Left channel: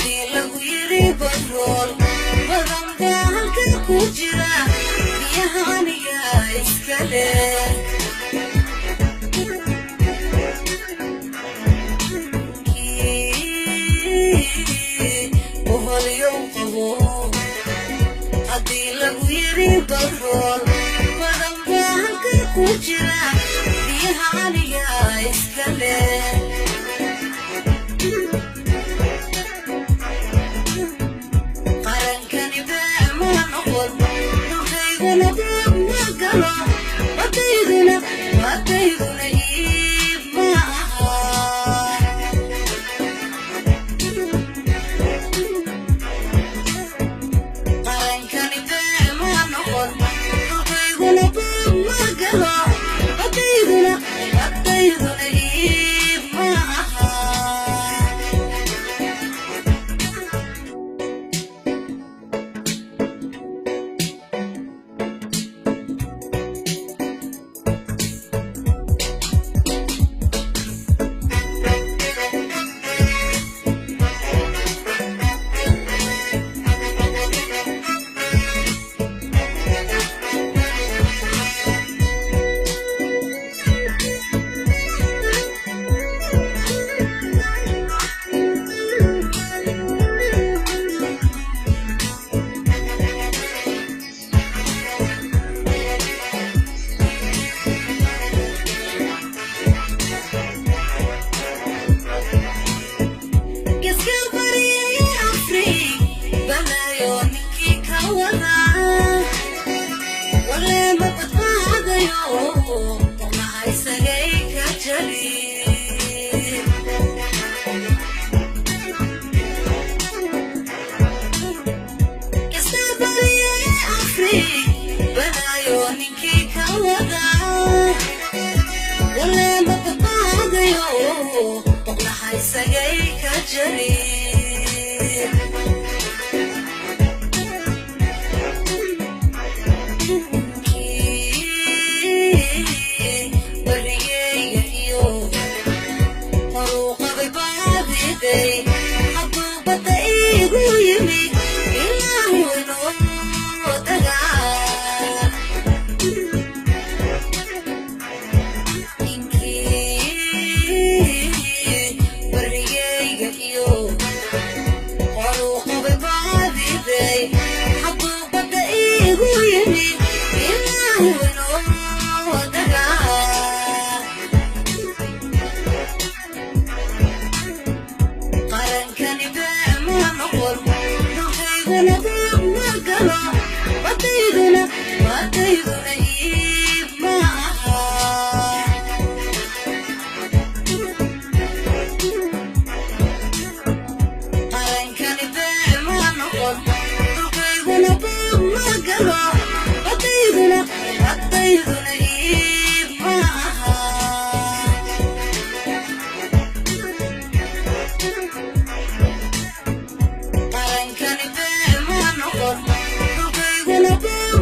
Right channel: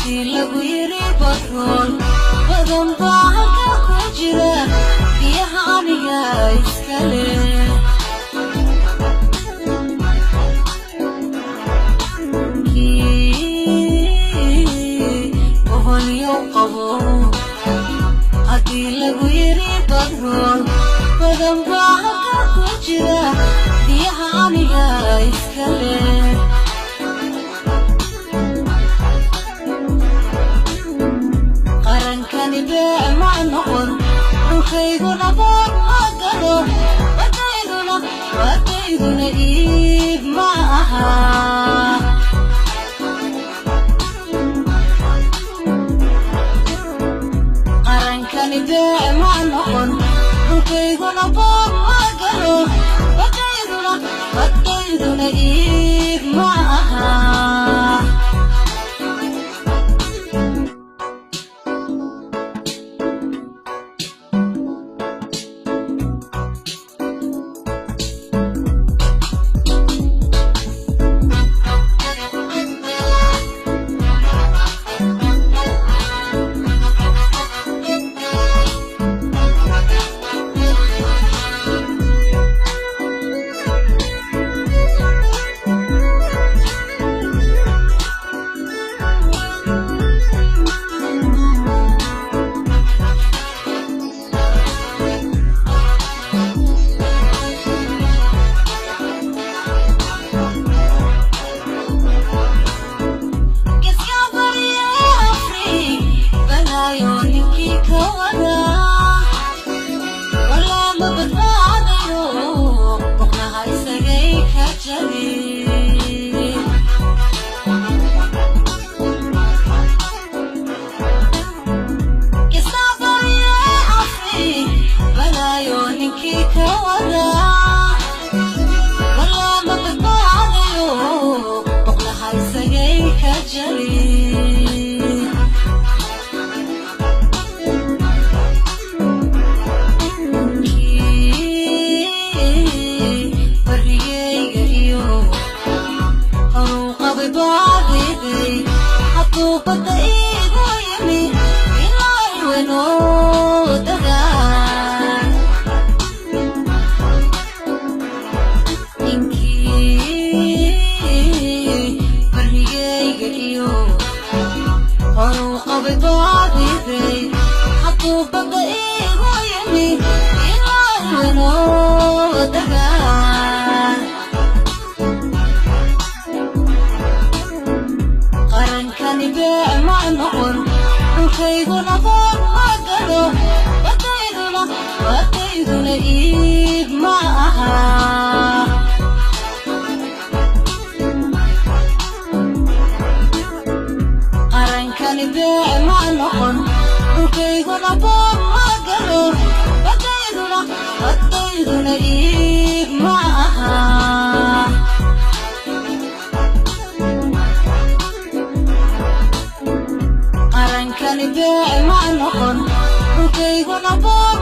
haddii lagu yiri batrool badan baa halka ku jira biyaha aniga iska leh haddii lagu yiri batrool badan baa halka ku jira biyaha aniga iska leh qarankani bee ma noqon dhulkayguna boog ma galo badayduna iib ma aha qarankani bee ma noqon dhulkayguna boog ma galo badayduna iib ma aha qarankani bee ma noqon dhulkayguna boog